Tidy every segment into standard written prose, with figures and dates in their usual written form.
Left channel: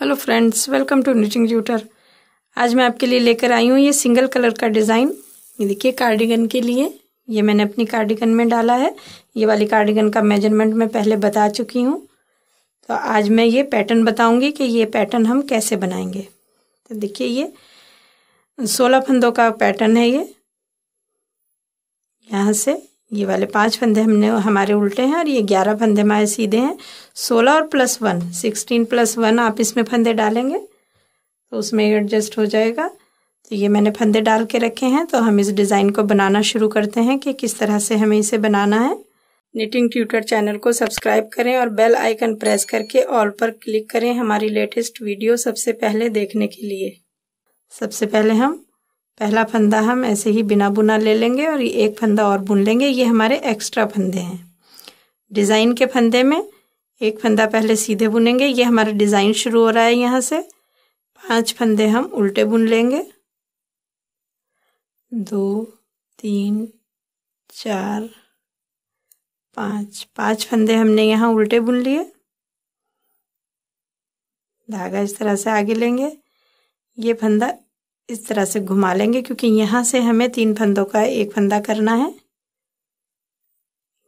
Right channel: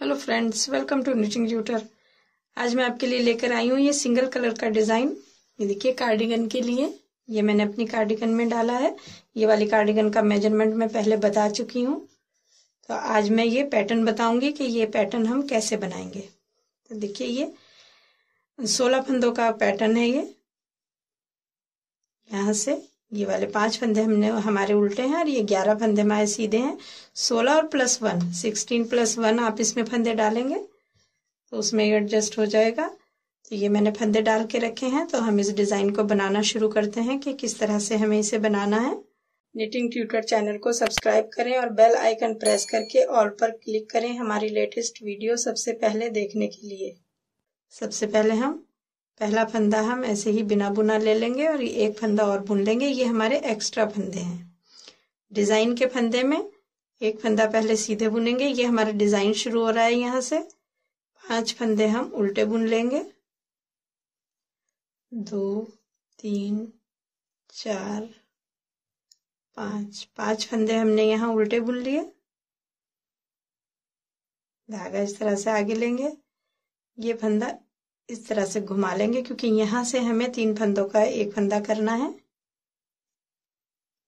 Hello friends, welcome to knitting tutor. आज मैं आपके लिए लेकर आई हूँ ये सिंगल कलर का डिज़ाइन। ये देखिए कार्डिगन के लिए ये मैंने अपनी कार्डिगन में डाला है। ये वाली कार्डिगन का मेजरमेंट मैं पहले बता चुकी हूँ। तो आज मैं ये पैटर्न बताऊंगी कि ये पैटर्न हम कैसे बनाएंगे। तो देखिए ये 16 फंदों का पैटर्न है। ये यहाँ से ये वाले 5 फंदे हमारे उल्टे हैं और ये 11 फंदे हमारे सीधे हैं। 16 और +1 16 + 1 आप इसमें फंदे डालेंगे तो उसमें एडजस्ट हो जाएगा। तो ये मैंने फंदे डाल के रखे हैं। तो हम इस डिज़ाइन को बनाना शुरू करते हैं कि किस तरह से हमें इसे बनाना है। निटिंग ट्यूटर चैनल को सब्सक्राइब करें और बेल आइकन प्रेस करके ऑल पर क्लिक करें हमारी लेटेस्ट वीडियो सबसे पहले देखने के लिए। सबसे पहले हम पहला फंदा हम ऐसे ही बिना बुना ले लेंगे और ये एक फंदा और बुन लेंगे। ये हमारे एक्स्ट्रा फंदे हैं। डिज़ाइन के फंदे में एक फंदा पहले सीधे बुनेंगे। ये हमारा डिज़ाइन शुरू हो रहा है। यहाँ से 5 फंदे हम उल्टे बुन लेंगे। 2 3 4 5 फंदे हमने यहाँ उल्टे बुन लिए। धागा इस तरह से आगे लेंगे। ये फंदा इस तरह से घुमा लेंगे क्योंकि यहाँ से हमें 3 फंदों का एक फंदा करना है।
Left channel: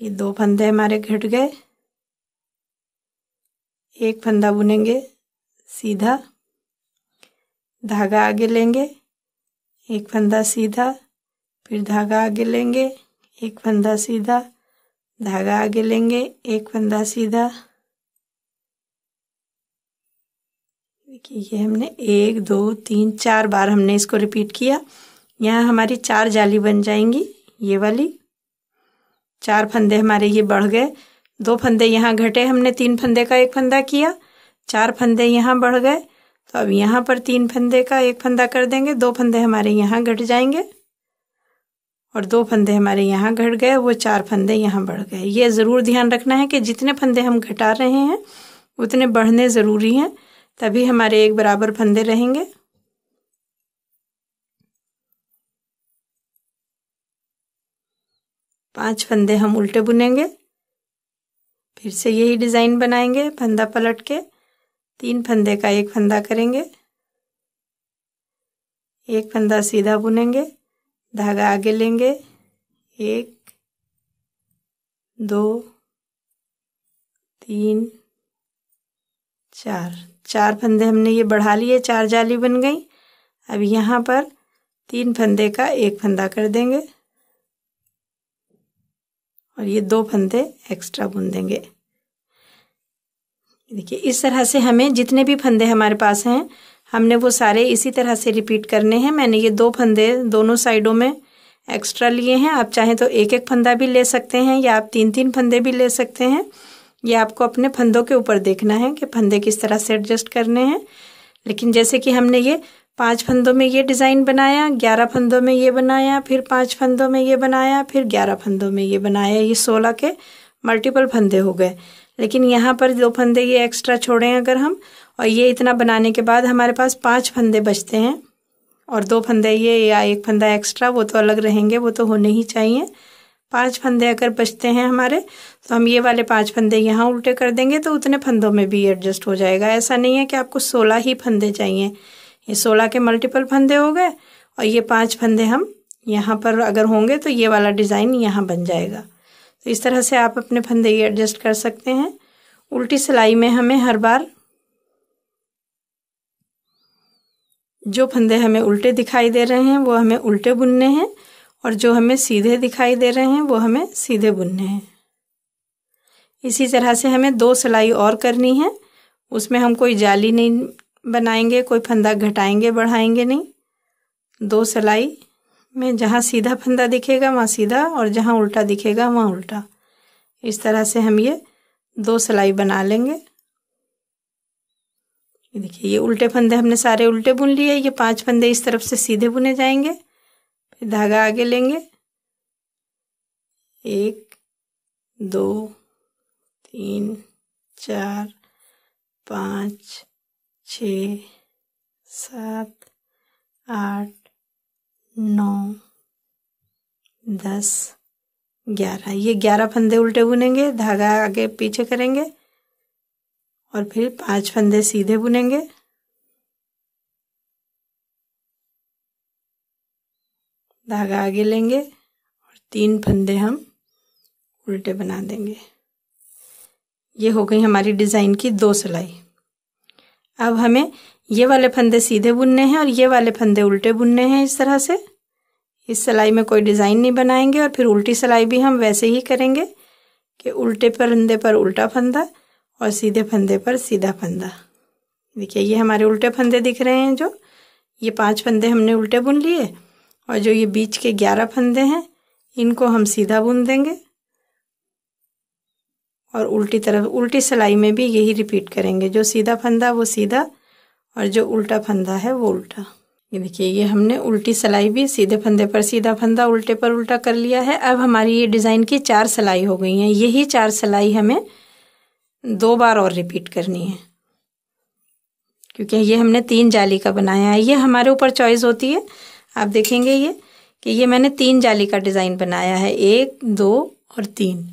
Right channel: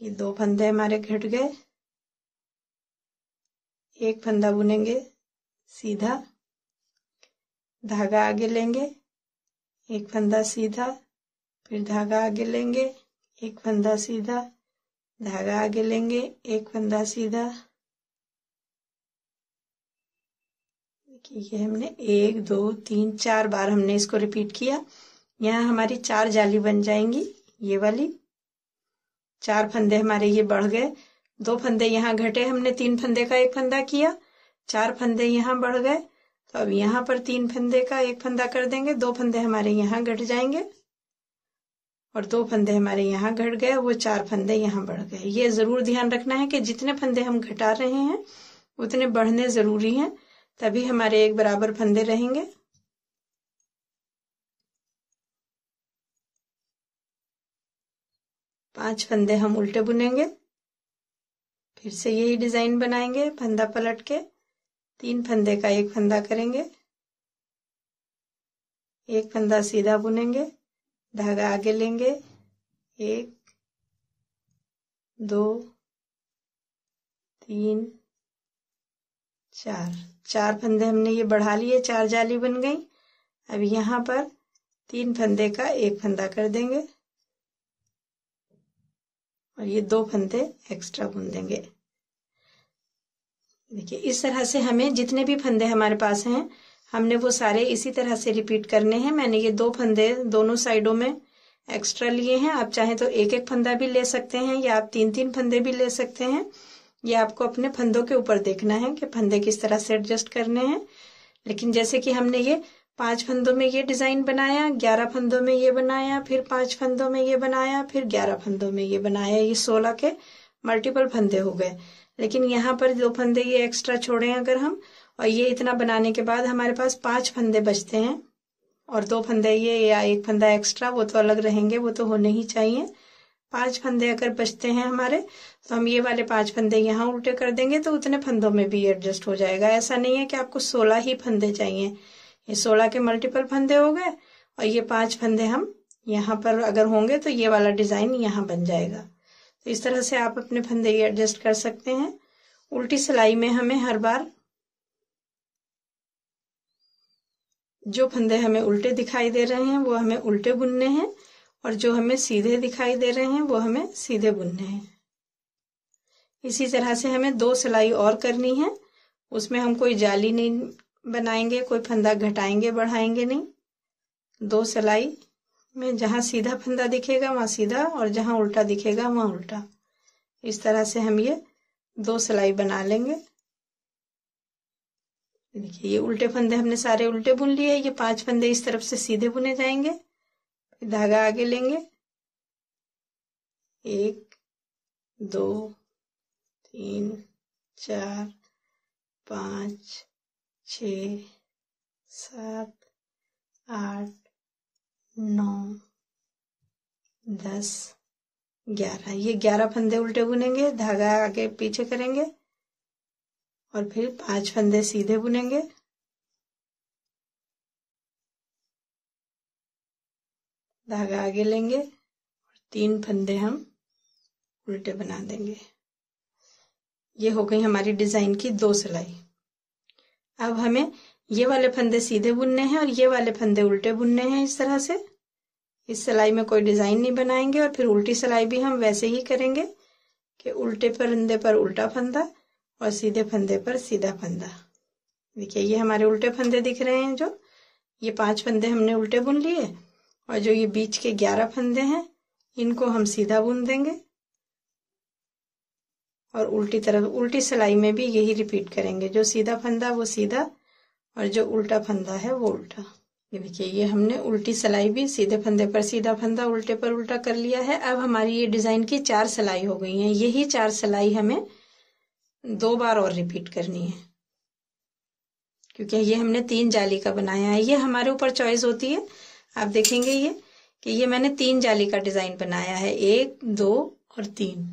ये 2 फंदे हमारे घट गए। एक फंदा बुनेंगे सीधा, धागा आगे लेंगे, एक फंदा सीधा, फिर धागा आगे लेंगे, एक फंदा सीधा, धागा आगे लेंगे, एक फंदा सीधा। देखिए ये हमने 1 2 3 4 बार हमने इसको रिपीट किया। यहाँ हमारी 4 जाली बन जाएंगी। ये वाली 4 फंदे हमारे ये बढ़ गए। 2 फंदे यहाँ घटे, हमने 3 फंदे का एक फंदा किया। 4 फंदे यहाँ बढ़ गए। तो अब यहाँ पर 3 फंदे का एक फंदा कर देंगे। 2 फंदे हमारे यहाँ घट जाएंगे और 2 फंदे हमारे यहाँ घट गए। वो 4 फंदे यहाँ बढ़ गए। ये ज़रूर ध्यान रखना है कि जितने फंदे हम घटा रहे हैं उतने बढ़ने ज़रूरी हैं, तभी हमारे एक बराबर फंदे रहेंगे। पांच फंदे हम उल्टे बुनेंगे। फिर से यही डिज़ाइन बनाएंगे। फंदा पलट के 3 फंदे का एक फंदा करेंगे, एक फंदा सीधा बुनेंगे, धागा आगे लेंगे, 1 2 3 4 फंदे हमने ये बढ़ा लिए। 4 जाली बन गई। अब यहाँ पर 3 फंदे का एक फंदा कर देंगे और ये 2 फंदे एक्स्ट्रा बुन देंगे। देखिए इस तरह से हमें जितने भी फंदे हमारे पास हैं हमने वो सारे इसी तरह से रिपीट करने हैं। मैंने ये 2 फंदे दोनों साइडों में एक्स्ट्रा लिए हैं। आप चाहें तो एक एक फंदा भी ले सकते हैं या आप 3 फंदे भी ले सकते हैं। ये आपको अपने फंदों के ऊपर देखना है कि फंदे किस तरह से एडजस्ट करने हैं। लेकिन जैसे कि हमने ये 5 फंदों में ये डिज़ाइन बनाया, 11 फंदों में ये बनाया, फिर 5 फंदों में ये बनाया, फिर 11 फंदों में ये बनाया। ये 16 के मल्टीपल फंदे हो गए। लेकिन यहाँ पर 2 फंदे ये एक्स्ट्रा छोड़े अगर हम, और ये इतना बनाने के बाद हमारे पास 5 फंदे बचते हैं और 2 फंदे ये या एक फंदा एक्स्ट्रा वो तो अलग रहेंगे, वो तो होने ही चाहिए। 5 फंदे अगर बचते हैं हमारे तो हम ये वाले 5 फंदे यहाँ उल्टे कर देंगे तो उतने फंदों में भी एडजस्ट हो जाएगा। ऐसा नहीं है कि आपको 16 ही फंदे चाहिए। ये 16 के मल्टीपल फंदे हो गए और ये 5 फंदे हम यहाँ पर अगर होंगे तो ये वाला डिज़ाइन यहाँ बन जाएगा। तो इस तरह से आप अपने फंदे ये एडजस्ट कर सकते हैं। उल्टी सिलाई में हमें हर बार जो फंदे हमें उल्टे दिखाई दे रहे हैं वो हमें उल्टे बुनने हैं और जो हमें सीधे दिखाई दे रहे हैं वो हमें सीधे बुनने हैं। इसी तरह से हमें 2 सिलाई और करनी है। उसमें हम कोई जाली नहीं बनाएंगे, कोई फंदा घटाएंगे बढ़ाएंगे नहीं। 2 सिलाई में जहाँ सीधा फंदा दिखेगा वहाँ सीधा और जहाँ उल्टा दिखेगा वहाँ उल्टा। इस तरह से हम ये 2 सिलाई बना लेंगे। देखिए ये उल्टे फंदे हमने सारे उल्टे बुन लिए। ये 5 फंदे इस तरफ से सीधे बुने जाएंगे। फिर धागा आगे लेंगे, 1 2 3 4 5 6 7 8 9 10 11। ये 11 फंदे उल्टे बुनेंगे, धागा आगे पीछे करेंगे और फिर 5 फंदे सीधे बुनेंगे, धागा आगे लेंगे और 3 फंदे हम उल्टे बना देंगे। ये हो गई हमारी डिज़ाइन की 2 सिलाई। अब हमें ये वाले फंदे सीधे बुनने हैं और ये वाले फंदे उल्टे बुनने हैं। इस तरह से इस सिलाई में कोई डिज़ाइन नहीं बनाएंगे और फिर उल्टी सिलाई भी हम वैसे ही करेंगे कि उल्टे फंदे पर उल्टा फंदा और सीधे फंदे पर सीधा फंदा। देखिए ये हमारे उल्टे फंदे दिख रहे हैं, जो ये 5 फंदे हमने उल्टे बुन लिए और जो ये बीच के 11 फंदे हैं इनको हम सीधा बुन देंगे और उल्टी तरफ उल्टी सिलाई में भी यही रिपीट करेंगे। जो सीधा फंदा वो सीधा और जो उल्टा फंदा है वो उल्टा। ये देखिए ये हमने उल्टी सिलाई भी सीधे फंदे पर सीधा फंदा उल्टे पर उल्टा कर लिया है। अब हमारी ये डिज़ाइन की 4 सिलाई हो गई हैं। यही 4 सिलाई हमें 2 बार और रिपीट करनी है, क्योंकि ये हमने 3 जाली का बनाया है। ये हमारे ऊपर चॉइस होती है। आप देखेंगे ये कि ये मैंने 3 जाली का डिज़ाइन बनाया है, 1, 2 और 3।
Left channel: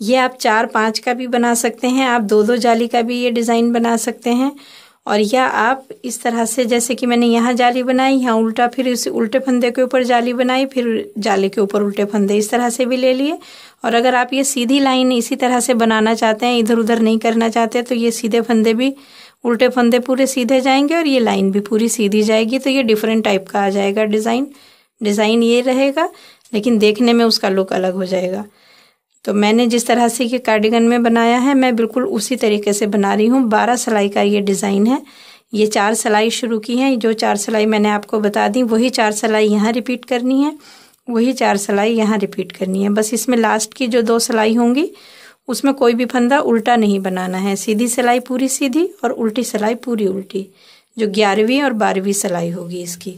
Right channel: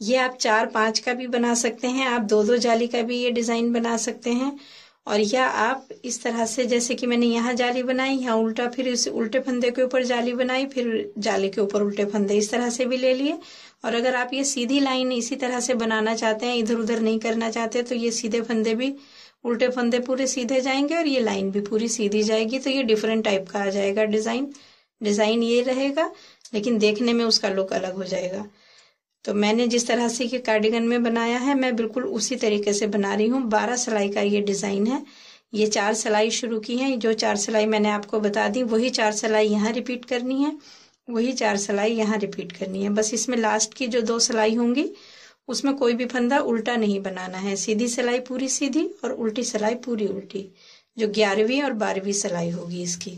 ये आप 4, 5 का भी बना सकते हैं, आप 2-2 जाली का भी ये डिज़ाइन बना सकते हैं। और या आप इस तरह से, जैसे कि मैंने यहाँ जाली बनाई, यहाँ उल्टा, फिर इस उल्टे फंदे के ऊपर जाली बनाई, फिर जाली के ऊपर उल्टे फंदे, इस तरह से भी ले लिए। और अगर आप ये सीधी लाइन इसी तरह से बनाना चाहते हैं, इधर उधर नहीं करना चाहते, तो ये सीधे फंदे भी उल्टे फंदे पूरे सीधे जाएंगे और ये लाइन भी पूरी सीधी जाएगी। तो ये डिफरेंट टाइप का आ जाएगा डिज़ाइन ये रहेगा, लेकिन देखने में उसका लुक अलग हो जाएगा। तो मैंने जिस तरह से ये कार्डिगन में बनाया है, मैं बिल्कुल उसी तरीके से बना रही हूँ। 12 सिलाई का ये डिज़ाइन है। ये 4 सिलाई शुरू की है, जो 4 सिलाई मैंने आपको बता दी वही 4 सिलाई यहाँ रिपीट करनी है, वही 4 सिलाई यहाँ रिपीट करनी है। बस इसमें लास्ट की जो 2 सिलाई होंगी उसमें कोई भी फंदा उल्टा नहीं बनाना है। सीधी सिलाई पूरी सीधी और उल्टी सिलाई पूरी उल्टी, जो 11वीं और 12वीं सिलाई होगी इसकी।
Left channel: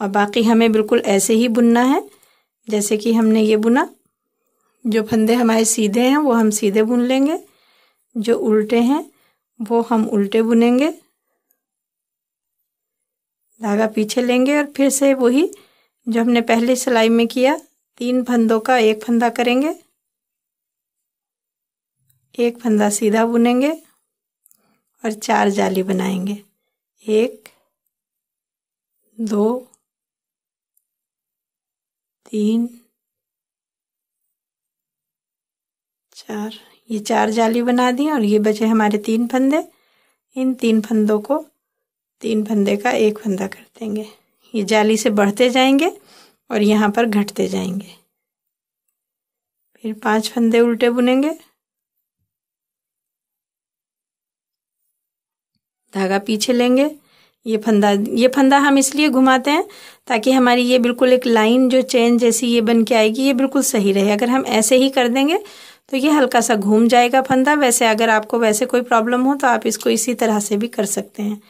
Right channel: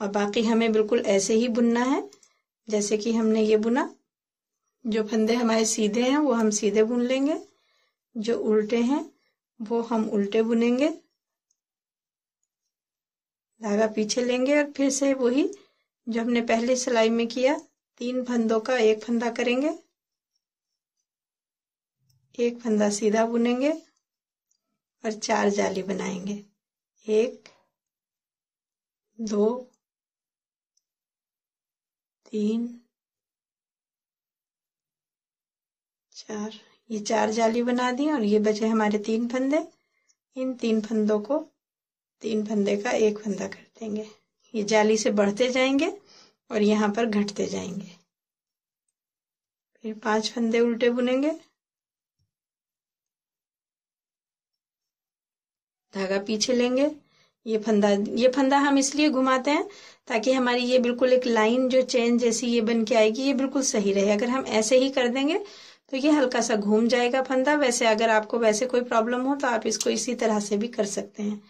और बाकी हमें बिल्कुल ऐसे ही बुनना है जैसे कि हमने ये बुना। जो फंदे हमारे सीधे हैं वो हम सीधे बुन लेंगे, जो उल्टे हैं वो हम उल्टे बुनेंगे। धागा पीछे लेंगे और फिर से वही जो हमने पहले सिलाई में किया, 3 फंदों का 1 फंदा करेंगे, 1 फंदा सीधा बुनेंगे और 4 जाली बनाएंगे। 1, 2, 3, 4। ये 4 जाली बना दी और ये बचे हमारे 3 फंदे। इन 3 फंदों को 3 फंदे का 1 फंदा कर देंगे। ये जाली से बढ़ते जाएंगे और यहाँ पर घटते जाएंगे। फिर 5 फंदे उल्टे बुनेंगे, धागा पीछे लेंगे। ये फंदा हम इसलिए घुमाते हैं ताकि हमारी ये बिल्कुल एक लाइन जो चेन जैसी ये बन के आएगी, ये बिल्कुल सही रहे। अगर हम ऐसे ही कर देंगे तो ये हल्का सा घूम जाएगा फंदा। वैसे अगर आपको वैसे कोई प्रॉब्लम हो तो आप इसको इसी तरह से भी कर सकते हैं,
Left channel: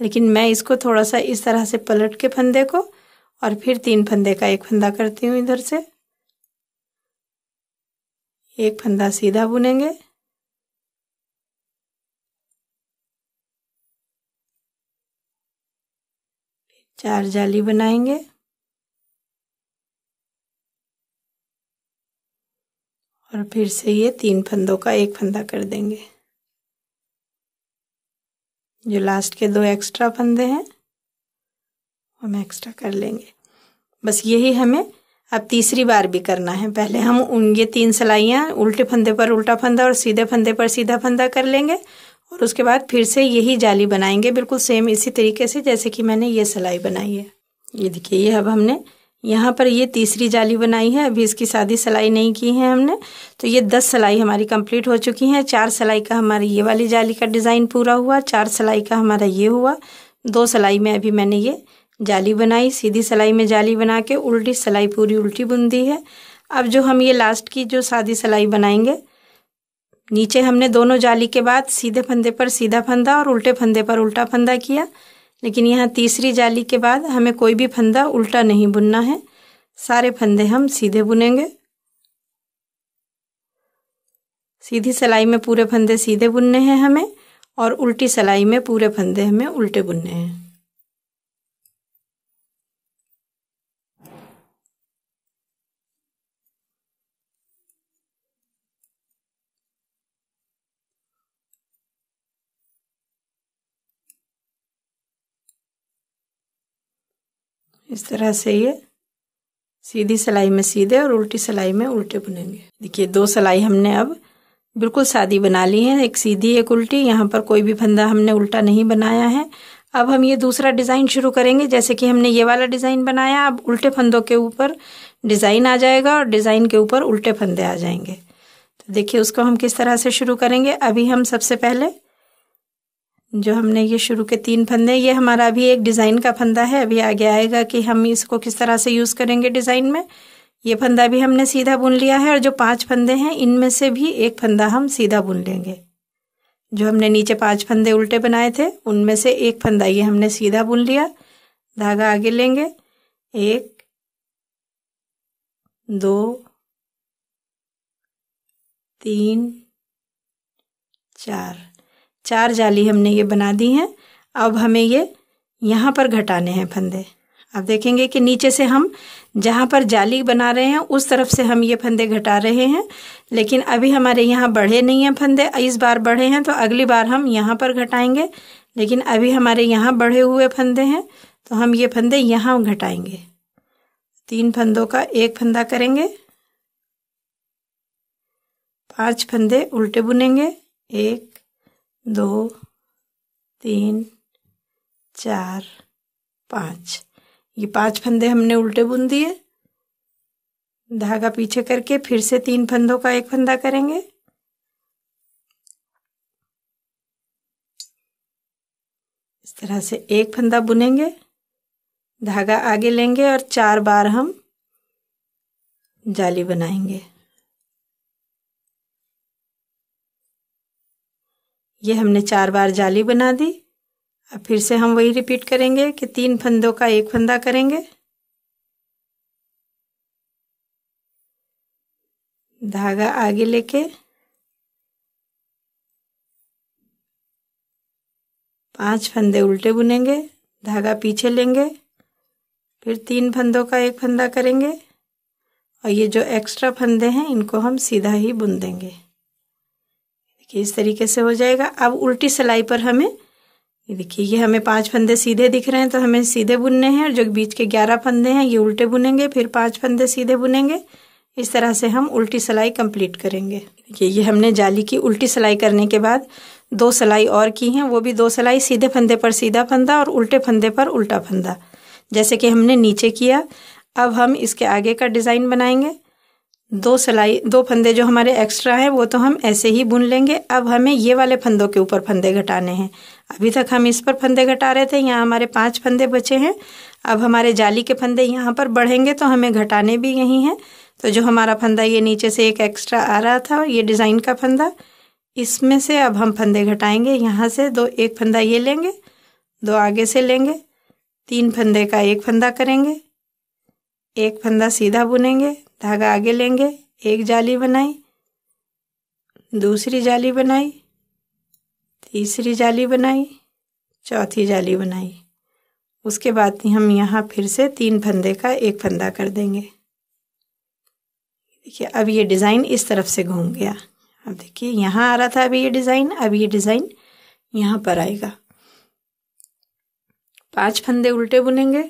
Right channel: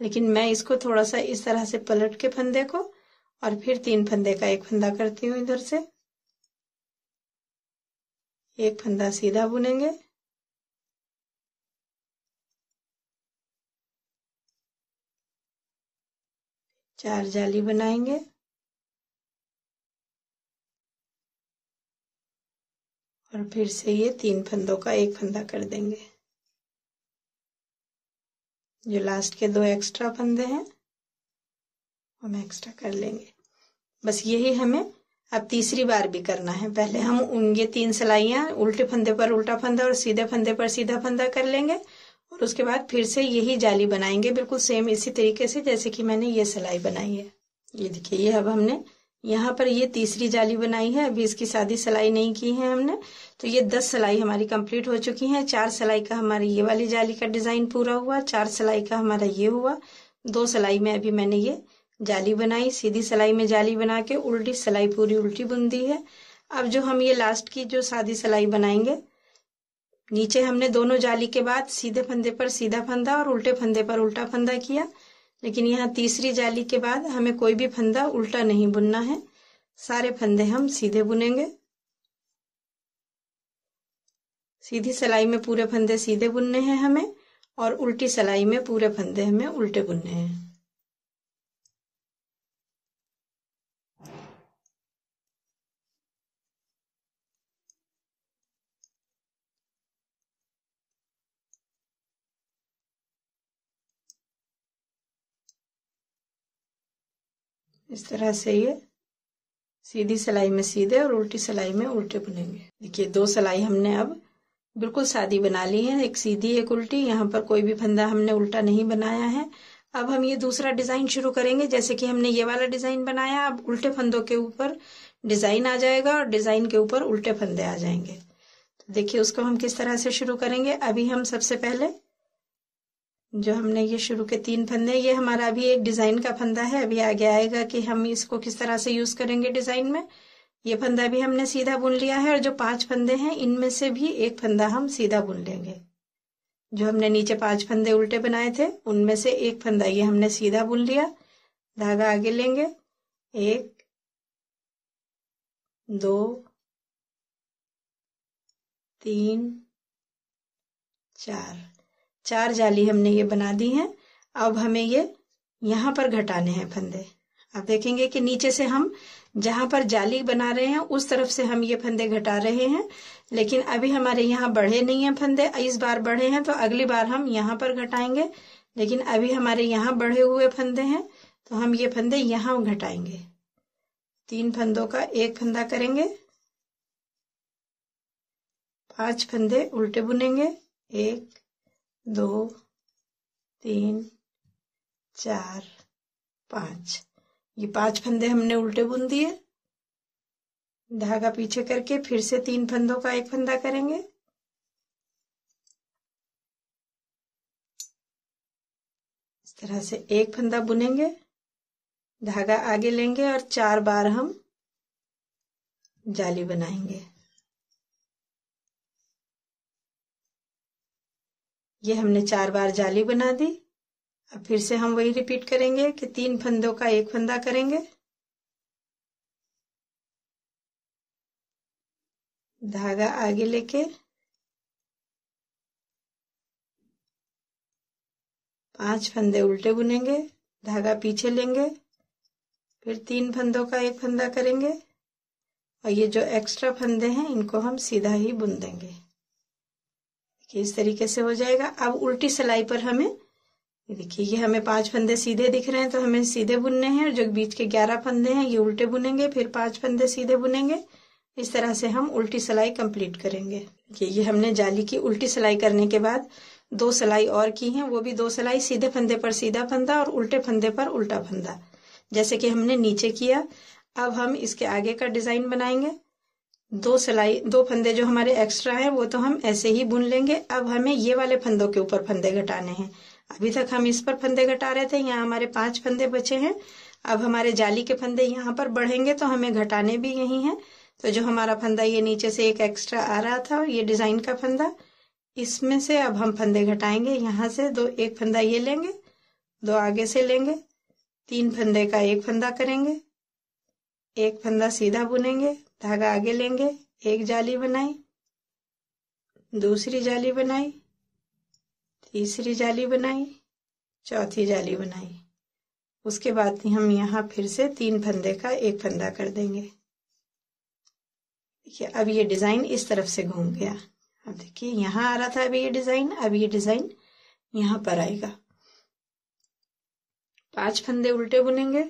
लेकिन मैं इसको थोड़ा सा इस तरह से पलट के फंदे को और फिर 3 फंदे का 1 फंदा करती हूँ। इधर से 1 फंदा सीधा बुनेंगे, 4 जाली बनाएंगे और फिर से ये 3 फंदों का 1 फंदा कर देंगे। जो लास्ट के 2 एक्स्ट्रा फंदे हैं हम एक्स्ट्रा कर लेंगे। बस यही हमें अब तीसरी बार भी करना है। पहले हम ये 3 सिलाइयाँ उल्टे फंदे पर उल्टा फंदा और सीधे फंदे पर सीधा फंदा कर लेंगे और उसके बाद फिर से यही जाली बनाएंगे, बिल्कुल सेम इसी तरीके से जैसे कि मैंने ये सिलाई बनाई है। ये देखिए ये अब हमने यहाँ पर ये तीसरी जाली बनाई है। अभी इसकी सादी सिलाई नहीं की है हमने, तो ये 10 सिलाई हमारी कंप्लीट हो चुकी हैं। 4 सिलाई का हमारी ये वाली जाली का डिज़ाइन पूरा हुआ, 4 सिलाई का हमारा ये हुआ। 2 सिलाई में अभी मैंने ये जाली बनाई, सीधी सिलाई में जाली बना के उल्टी सिलाई पूरी उल्टी बुन दी है। अब जो हम ये लास्ट की जो सादी सिलाई बनाएंगे, नीचे हमने दोनों जाली के बाद सीधे फंदे पर सीधा फंदा और उल्टे फंदे पर उल्टा फंदा किया, लेकिन यहाँ तीसरी जाली के बाद हमें कोई भी फंदा उल्टा नहीं बुनना है, सारे फंदे हम सीधे बुनेंगे। सीधी सिलाई में पूरे फंदे सीधे बुनने हैं हमें और उल्टी सिलाई में पूरे फंदे हमें उल्टे बुनने हैं। इस तरह से ये सीधी सिलाई में सीधे और उल्टी सिलाई में उल्टे बुनेंगे। देखिए 2 सिलाई हमने अब बिल्कुल सादी बना ली है, एक सीधी एक उल्टी। यहाँ पर कोई भी फंदा हमने उल्टा नहीं बनाया है। अब हम ये दूसरा डिज़ाइन शुरू करेंगे। जैसे कि हमने ये वाला डिज़ाइन बनाया, अब उल्टे फंदों के ऊपर डिज़ाइन आ जाएगा और डिज़ाइन के ऊपर उल्टे फंदे आ जाएंगे। तो देखिए उसको हम किस तरह से शुरू करेंगे। अभी हम सबसे पहले जो हमने ये शुरू के 3 फंदे, ये हमारा अभी एक डिज़ाइन का फंदा है। अभी आगे आएगा कि हम इसको किस तरह से यूज़ करेंगे डिज़ाइन में। ये फंदा भी हमने सीधा बुन लिया है और जो 5 फंदे हैं इनमें से भी एक फंदा हम सीधा बुन लेंगे। जो हमने नीचे 5 फंदे उल्टे बनाए थे उनमें से एक फंदा ये हमने सीधा बुन लिया। धागा आगे लेंगे, 1 2 3 4 जाली हमने ये बना दी हैं। अब हमें ये यहाँ पर घटाने हैं फंदे। अब देखेंगे कि नीचे से हम जहाँ पर जाली बना रहे हैं उस तरफ से हम ये फंदे घटा रहे हैं, लेकिन अभी हमारे यहाँ बढ़े नहीं हैं फंदे। इस बार बढ़े हैं तो अगली बार हम यहाँ पर घटाएंगे, लेकिन अभी हमारे यहाँ बढ़े हुए फंदे हैं तो हम ये फंदे यहाँ घटाएंगे। 3 फंदों का एक फंदा करेंगे, 5 फंदे उल्टे बुनेंगे, 1 2 3 4 5। ये 5 फंदे हमने उल्टे बुन दिए। धागा पीछे करके फिर से 3 फंदों का एक फंदा करेंगे, इस तरह से एक फंदा बुनेंगे, धागा आगे लेंगे और 4 बार हम जाली बनाएंगे। ये हमने 4 बार जाली बना दी। अब फिर से हम वही रिपीट करेंगे कि 3 फंदों का एक फंदा करेंगे, धागा आगे लेके 5 फंदे उल्टे बुनेंगे, धागा पीछे लेंगे, फिर 3 फंदों का एक फंदा करेंगे और ये जो एक्स्ट्रा फंदे हैं इनको हम सीधा ही बुन देंगे। देखिए इस तरीके से हो जाएगा। अब उल्टी सिलाई पर हमें ये देखिए ये हमें 5 फंदे सीधे दिख रहे हैं तो हमें सीधे बुनने हैं, और जो बीच के 11 फंदे हैं ये उल्टे बुनेंगे, फिर 5 फंदे सीधे बुनेंगे। इस तरह से हम उल्टी सिलाई कंप्लीट करेंगे। देखिए ये हमने जाली की उल्टी सिलाई करने के बाद 2 सिलाई और की हैं, वो भी 2 सिलाई सीधे फंदे पर सीधा फंदा और उल्टे फंदे पर उल्टा फंदा, जैसे कि हमने नीचे किया। अब हम इसके आगे का डिज़ाइन बनाएंगे। 2 फंदे जो हमारे एक्स्ट्रा हैं वो तो हम ऐसे ही बुन लेंगे। अब हमें ये वाले फंदों के ऊपर फंदे घटाने हैं। अभी तक हम इस पर फंदे घटा रहे थे, यहाँ हमारे 5 फंदे बचे हैं। अब हमारे जाली के फंदे यहाँ पर बढ़ेंगे तो हमें घटाने भी यही हैं। तो जो हमारा फंदा ये नीचे से एक एक्स्ट्रा आ रहा था, ये डिज़ाइन का फंदा, इसमें से अब हम फंदे घटाएंगे। यहाँ से 2 एक फंदा ये लेंगे, 2 आगे से लेंगे, 3 फंदे का एक फंदा करेंगे, एक फंदा सीधा बुनेंगे, धागा आगे लेंगे, एक जाली बनाई, दूसरी जाली बनाई, तीसरी जाली बनाई, चौथी जाली बनाई। उसके बाद हम यहाँ फिर से 3 फंदे का एक फंदा कर देंगे। देखिए अब ये डिज़ाइन इस तरफ से घूम गया। अब देखिए यहाँ आ रहा था अभी ये डिज़ाइन, अब ये डिज़ाइन यहाँ पर आएगा। 5 फंदे उल्टे बुनेंगे,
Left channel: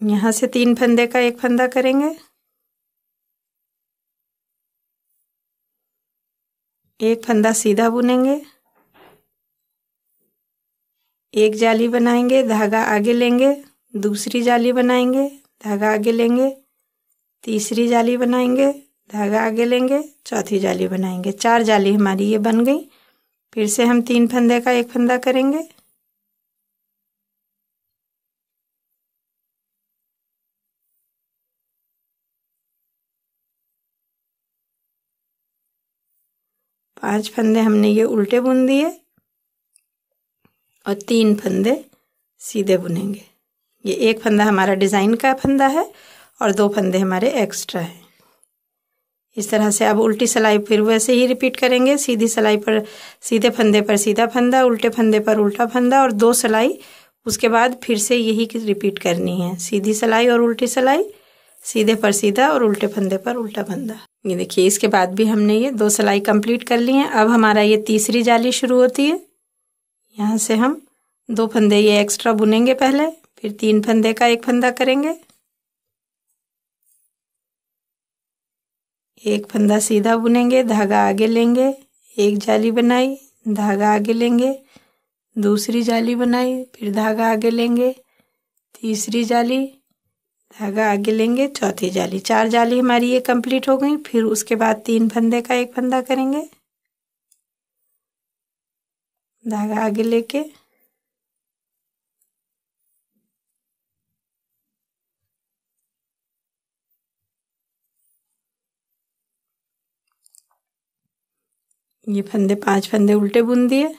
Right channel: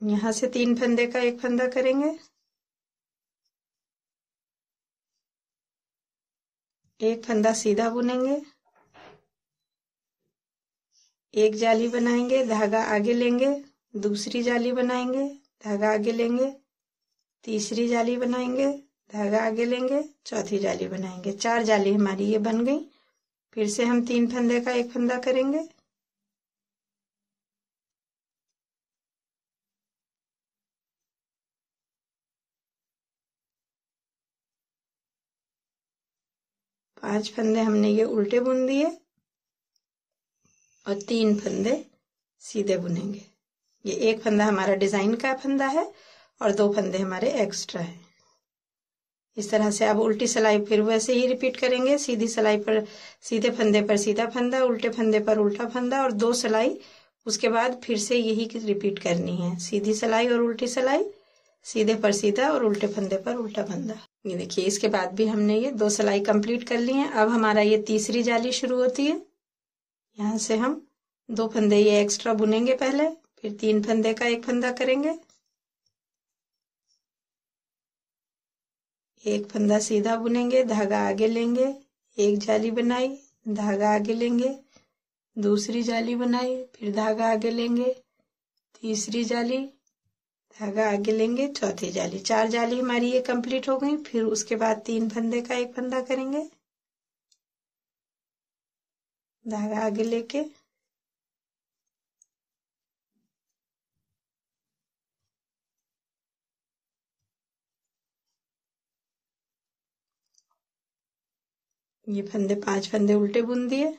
यहाँ से 3 फंदे का एक फंदा करेंगे, एक फंदा सीधा बुनेंगे, एक जाली बनाएंगे, धागा आगे लेंगे, दूसरी जाली बनाएंगे, धागा आगे लेंगे, तीसरी जाली बनाएंगे, धागा आगे लेंगे, चौथी जाली बनाएंगे। 4 जाली हमारी ये बन गई। फिर से हम 3 फंदे का एक फंदा करेंगे, पांच फंदे हमने ये उल्टे बुन दिए और 3 फंदे सीधे बुनेंगे। ये एक फंदा हमारा डिज़ाइन का फंदा है और 2 फंदे हमारे एक्स्ट्रा हैं। इस तरह से अब उल्टी सिलाई फिर वैसे ही रिपीट करेंगे। सीधी सिलाई पर सीधे फंदे पर सीधा फंदा, उल्टे फंदे पर उल्टा फंदा और 2 सिलाई। उसके बाद फिर से यही रिपीट करनी है, सीधी सिलाई और उल्टी सिलाई, सीधे पर सीधा और उल्टे फंदे पर उल्टा फंदा। ये देखिए, इसके बाद भी हमने ये 2 सिलाई कंप्लीट कर ली हैं। अब हमारा ये तीसरी जाली शुरू होती है। यहाँ से हम 2 फंदे ये एक्स्ट्रा बुनेंगे पहले, फिर 3 फंदे का एक फंदा करेंगे, एक फंदा सीधा बुनेंगे, धागा आगे लेंगे, एक जाली बनाई, धागा आगे लेंगे, दूसरी जाली बनाई, फिर धागा आगे लेंगे, तीसरी जाली, धागा आगे लेंगे, चौथी जाली। 4 जाली हमारी ये कंप्लीट हो गई। फिर उसके बाद 3 फंदे का एक फंदा करेंगे, धागा आगे लेके ये 5 फंदे उल्टे बुन दिए,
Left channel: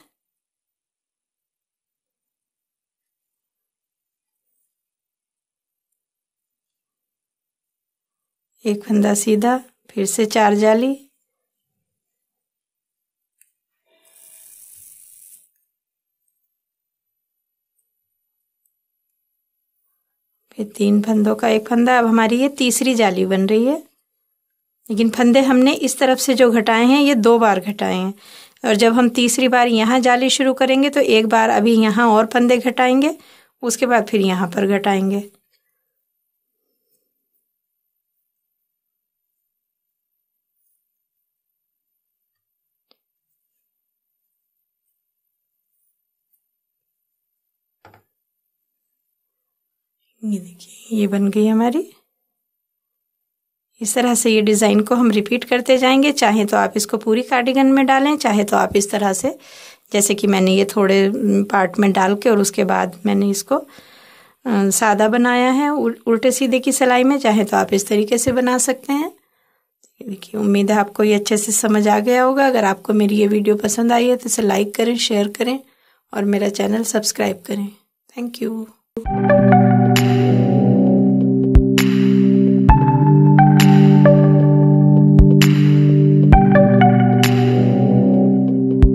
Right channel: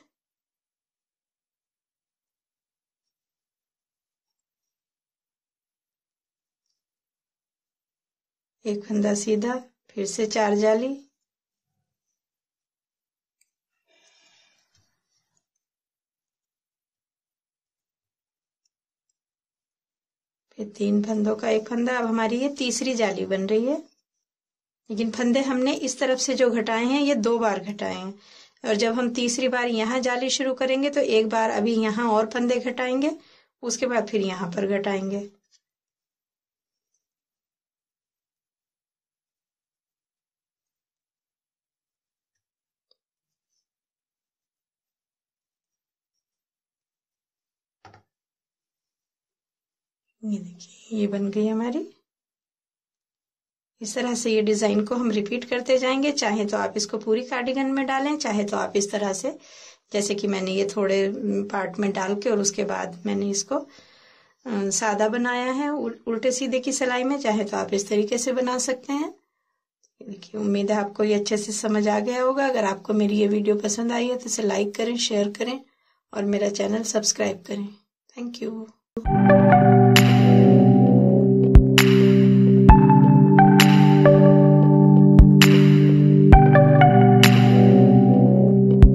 एक फंदा सीधा, फिर से 4 जाली, फिर 3 फंदों का एक फंदा। अब हमारी ये तीसरी जाली बन रही है, लेकिन फंदे हमने इस तरफ से जो घटाए हैं ये 2 बार घटाए हैं, और जब हम तीसरी बार यहाँ जाली शुरू करेंगे तो एक बार अभी यहाँ और फंदे घटाएंगे, उसके बाद फिर यहाँ पर घटाएंगे। ये देखिए, ये बन गई हमारी। इस तरह से ये डिज़ाइन को हम रिपीट करते जाएंगे। चाहे तो आप इसको पूरी कार्डिगन में डालें, चाहे तो आप इस तरह से, जैसे कि मैंने ये थोड़े पार्ट में डाल के और उसके बाद मैंने इसको सादा बनाया है उल्टे सीधे की सिलाई में, चाहे तो आप इस तरीके से बना सकते हैं। देखिए, उम्मीद है आपको ये अच्छे से समझ आ गया होगा। अगर आपको मेरी ये वीडियो पसंद आई है तो इसे लाइक करें, शेयर करें और मेरा चैनल सब्सक्राइब करें। Thank you.